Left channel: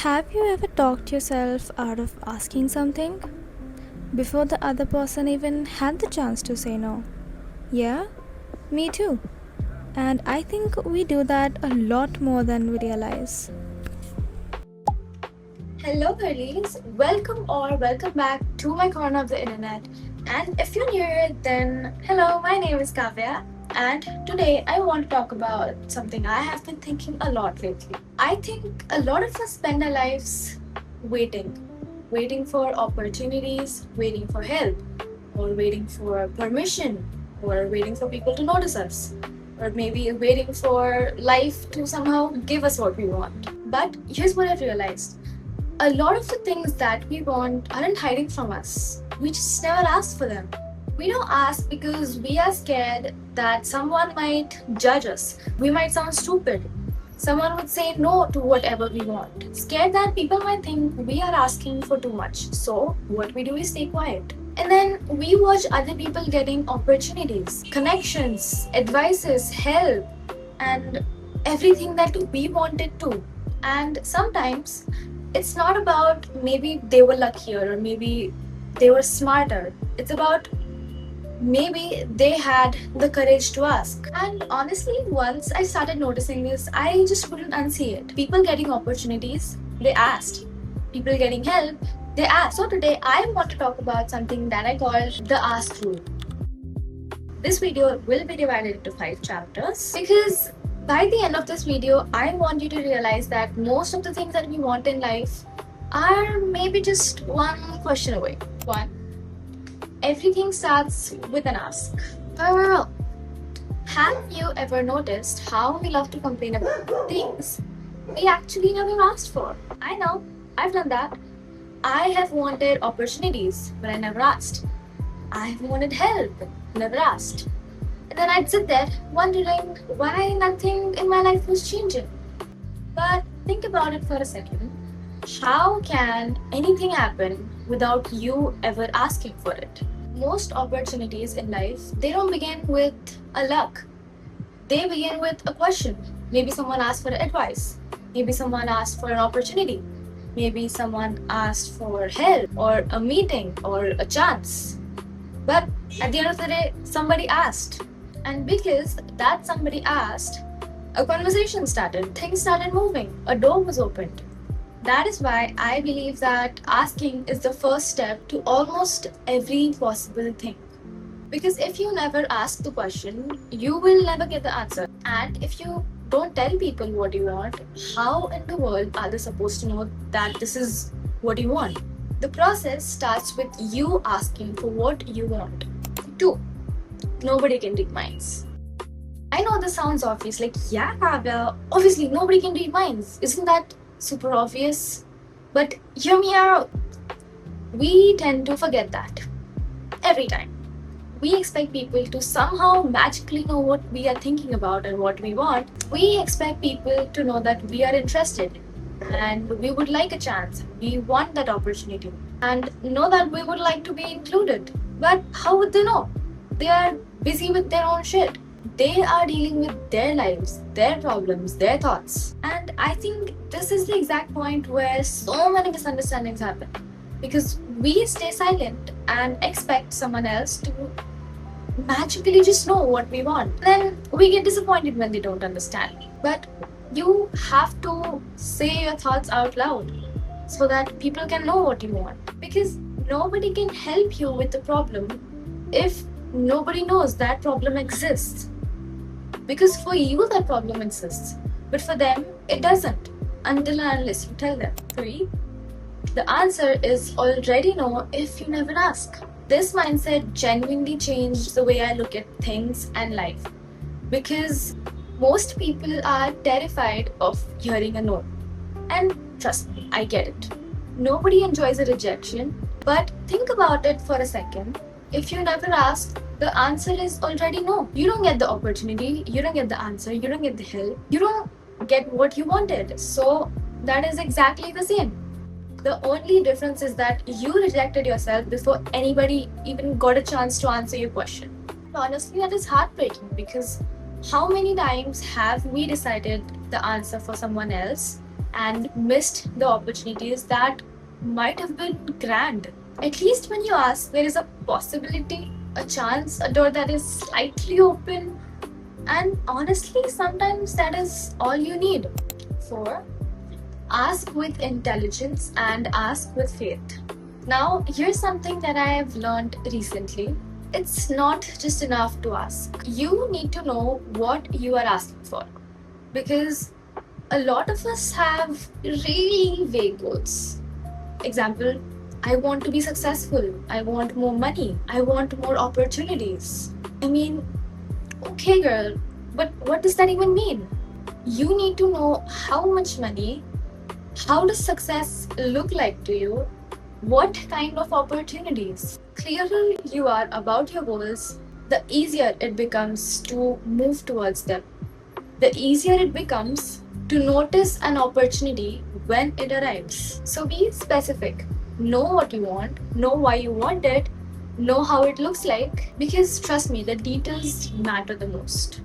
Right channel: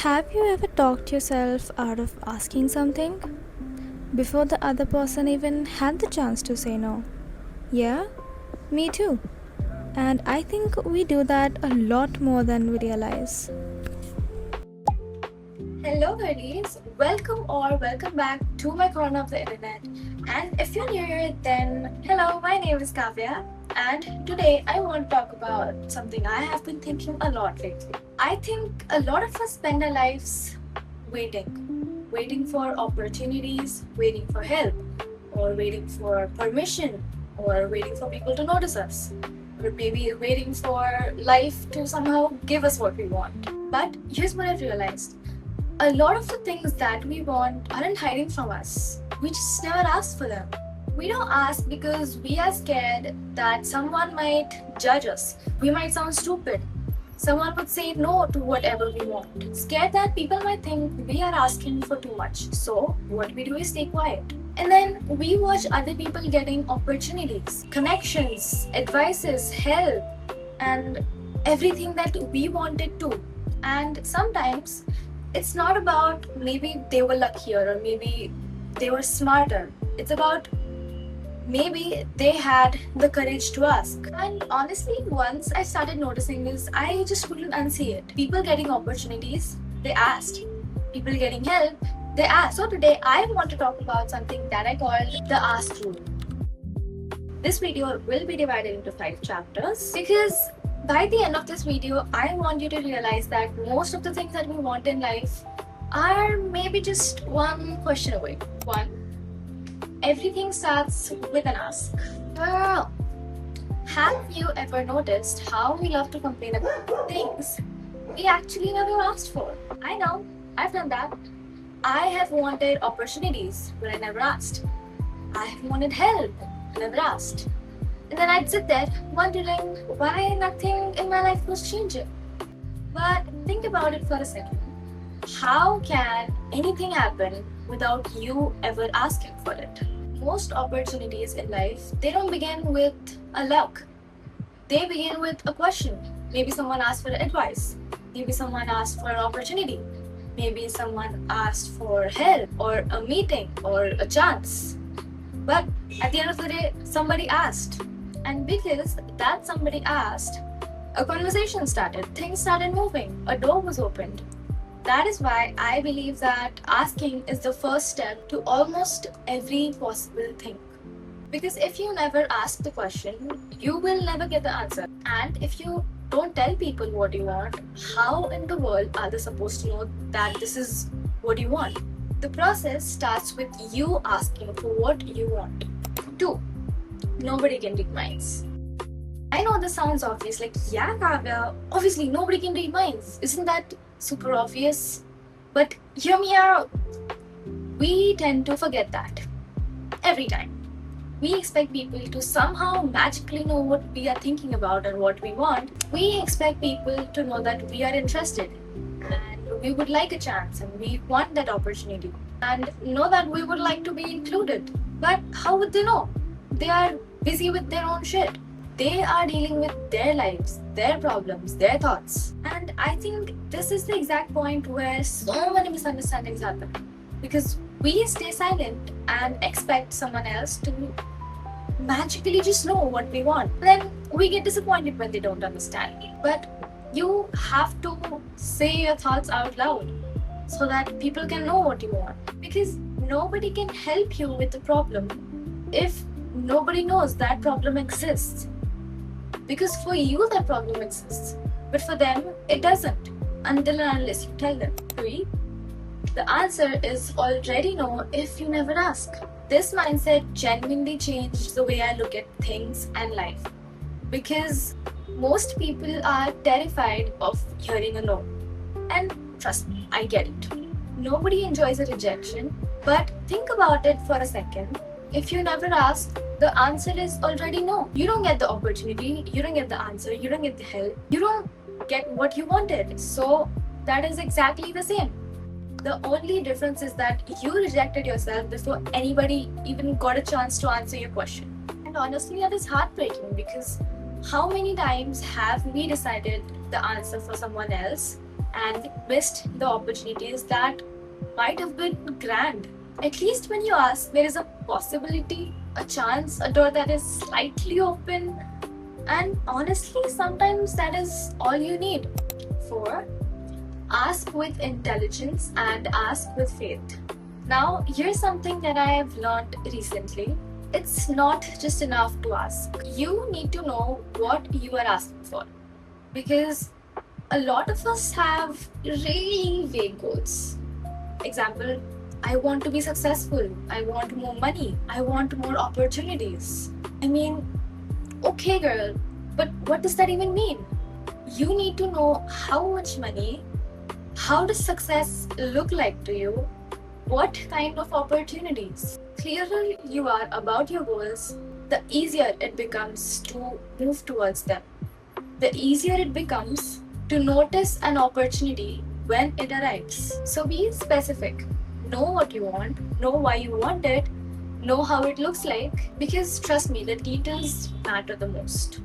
Have you ever talked yourself out of asking something before the other person even had the chance to say no? Yeah, me too. And I think we do that a lot more than we realize. Hello, girlies. Welcome back to my corner of the internet. And if you're new here, then hello, my name is Kavya. And today I want to talk about something I have been thinking a lot lately. I think a lot of us spend our lives waiting for opportunities, waiting for help, or waiting for permission, or waiting for people to notice us, or maybe waiting for life to somehow give us what we want. But here's what I've realized, a lot of the things that we want aren't hiding from us. We just never ask for them. We don't ask because we are scared that someone might judge us. We might sound stupid. Someone would say no to whatever we want. Scared that people might think we are asking for too much. So, what we do is stay quiet. And then we watch other people getting opportunities, connections, advices, help, and everything that we wanted to. And sometimes it's not about maybe they were luckier or maybe they were smarter. It's about maybe they had the courage to ask. And honestly, once I started noticing this, I just couldn't unsee it. People getting opportunities, they asked. People getting help, they asked. So today I want to talk about something that I call the ask rule. This video will be divided into 5 chapters because by the end of this video, I want you to realize that most of the things that we want in life are maybe just one question away. One, everything starts with an ask. Well, have you ever noticed how we love to complain about things we actually never asked for? I know, I've done that. I have wanted opportunities, but I never asked. I have wanted help, never asked. And then I'd sit there wondering why nothing in my life was changing. But think about it for a second. How can anything happen without you ever asking for it? Most opportunities in life, they don't begin with a luck. They begin with a question. Maybe someone asked for advice. Maybe someone asked for an opportunity. Maybe someone asked for help or a meeting or a chance. But at the end of the day, somebody asked. And because that somebody asked, a conversation started, things started moving, a door was opened. That is why I believe that asking is the first step to almost every possible thing. Because if you never ask the question, you will never get the answer. And if you don't tell people what you want, how in the world are they supposed to know that this is what you want? The process starts with you asking for what you want. 2. Nobody can read minds. I know this sounds obvious, like, yeah, Kavya, obviously nobody can read minds. Isn't that super obvious? But hear me out. We tend to forget that every time. We expect people to somehow magically know what we are thinking about and what we want. We expect people to know that we are interested and we would like a chance and we want that opportunity and know that we would like to be included. But how would they know? They are busy with their own shit. They are dealing with their lives, their problems, their thoughts. And I think this is the exact point where so many misunderstandings happen. Because we stay silent and expect someone else to magically just know what we want. Then we get disappointed when they don't understand. But you have to say your thoughts out loud so that people can know what you want. Because nobody can help you with the problem if nobody knows that problem exists. Because for you, that problem exists. But for them, it doesn't until and unless you tell them. 3. The answer is already no if you never ask. This mindset genuinely changed the way I look at things and life. Because most people are terrified of hearing a no. And trust me, I get it. Nobody enjoys a rejection. But think about it for a second. If you never ask, the answer is already no. You don't get the opportunity, you don't get the answer, you don't get the help, you don't get what you wanted. So that is exactly the same. The only difference is that you rejected yourself before anybody even got a chance to answer your question. And honestly, that is heartbreaking because how many times have we decided the answer for someone else and missed the opportunities that might have been grand. At least when you ask, there is a possibility, a chance, a door that is slightly open, and honestly, sometimes that is all you need. 4. Ask with intelligence and ask with faith. Now, here's something that I have learned recently. It's not just enough to ask. You need to know what you are asking for. Because a lot of us have really vague goals. Example, I want to be successful. I want more money. I want more opportunities. I mean, okay, girl, but what does that even mean? You need to know how much money, how does success look like to you, what kind of opportunities. Clearer you are about your goals, the easier it becomes to move towards them. The easier it becomes to notice an opportunity when it arrives. So be specific. Know what you want, know why you want it, know how it looks like, because trust me, the details matter the most.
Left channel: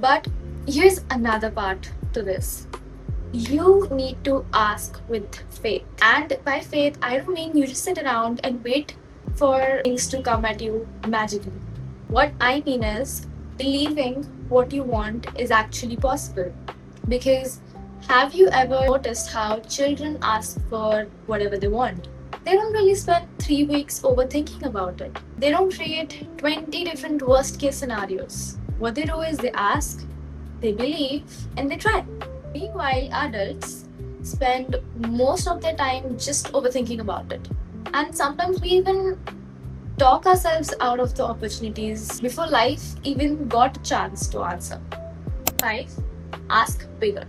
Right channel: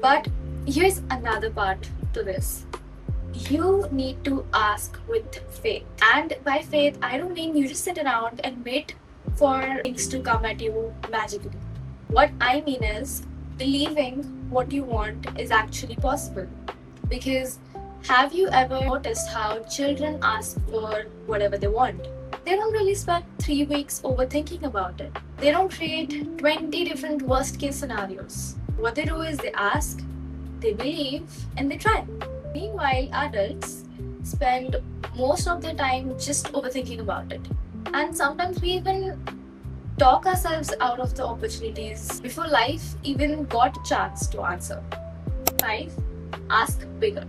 But here's another part to this. You need to ask with faith. And by faith, I don't mean you just sit around and wait for things to come at you magically. What I mean is believing what you want is actually possible. Because have you ever noticed how children ask for whatever they want? They don't really spend 3 weeks overthinking about it. They don't create 20 different worst case scenarios. What they do is they ask, they believe, and they try. Meanwhile, adults spend most of their time just overthinking about it. And sometimes we even talk ourselves out of the opportunities before life even got a chance to answer. 5. Ask bigger.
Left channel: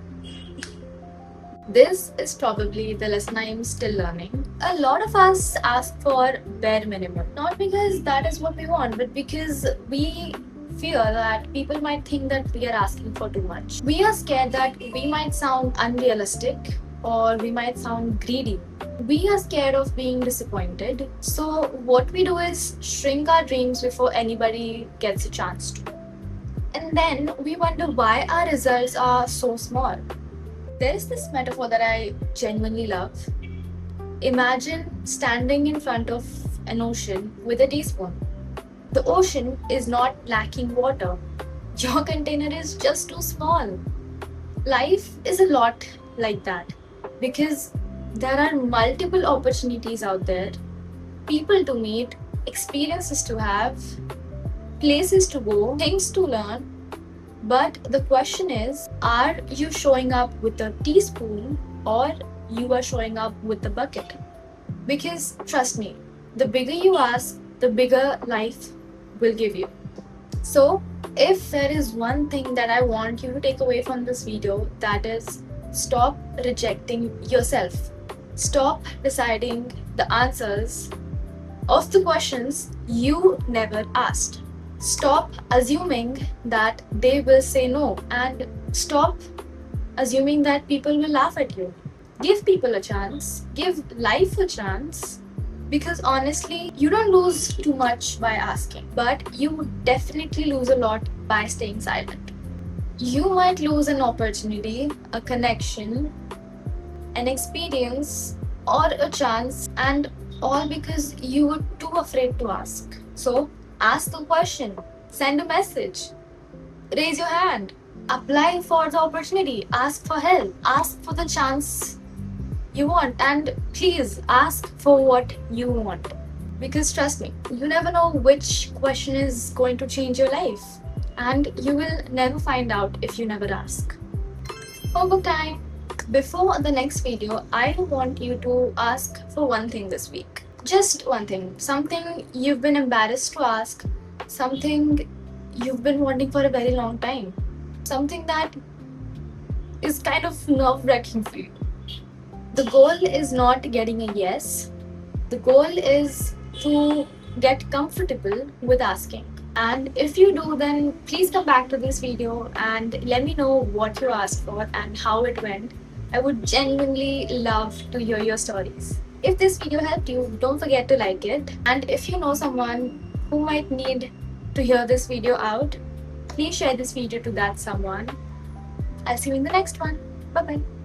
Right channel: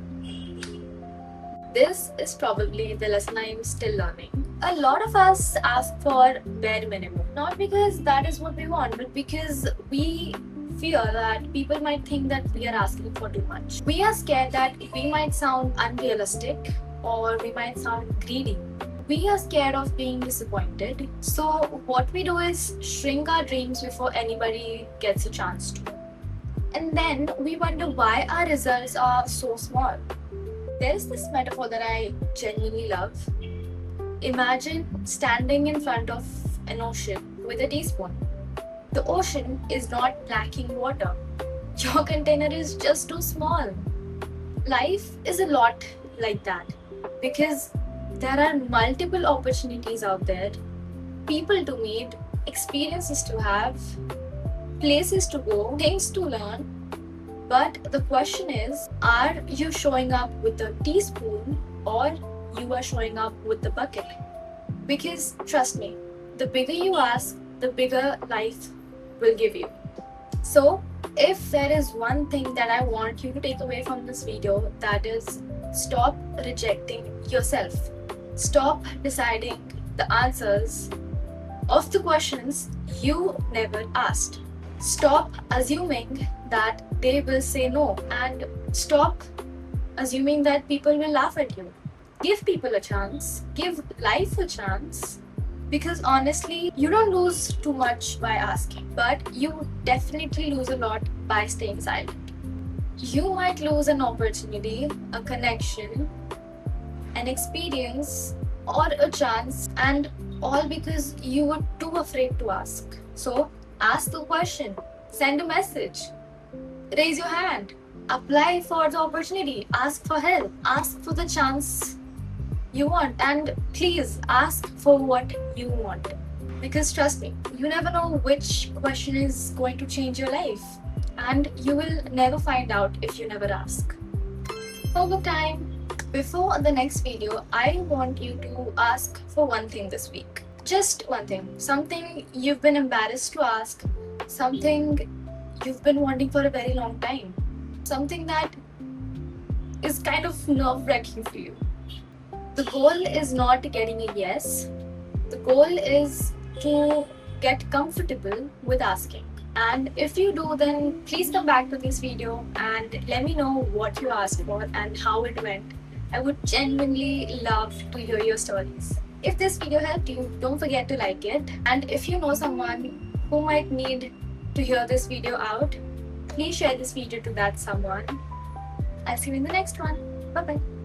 This is probably the lesson I am still learning. A lot of us ask for bare minimum, not because that is what we want, but because we fear that people might think that we are asking for too much. We are scared that we might sound unrealistic or we might sound greedy. We are scared of being disappointed. So what we do is shrink our dreams before anybody gets a chance to. And then we wonder why our results are so small. There is this metaphor that I genuinely love. Imagine standing in front of an ocean with a teaspoon. The ocean is not lacking water. Your container is just too small. Life is a lot like that because there are multiple opportunities out there, people to meet, experiences to have, places to go, things to learn. But the question is, are you showing up with a teaspoon or you are showing up with the bucket? Because trust me, the bigger you ask, the bigger life will give you. So if there is one thing that I want you to take away from this video, that is stop rejecting yourself. Stop deciding the answers of the questions you never asked. Stop assuming that they will say no, and stop assuming that people will laugh at you. Give people a chance, give life a chance, because honestly, you don't lose too much by asking, but you definitely lose a lot by staying silent. You might lose an opportunity, a connection, an experience, or a chance, and all because you were too afraid to ask. So ask a question, send a message, raise your hand, apply for the opportunity, ask for help, ask for the chance you want, and please ask for what you want. Because trust me, you never know which question is going to change your life, and you will never find out if you never ask. Homework time! Before the next video, I want you to ask for one thing this week. Just one thing, something you've been embarrassed to ask, something you've been wanting for a very long time, something that is kind of nerve-wracking for you. The goal is not getting a yes, the goal is to get comfortable with asking. And if you do, then please come back to this video and let me know what you asked for and how it went. I would genuinely love to hear your stories. If this video helped you, don't forget to like it. And if you know someone who might need to hear this video out, please share this video to that someone. I'll see you in the next one. Bye-bye.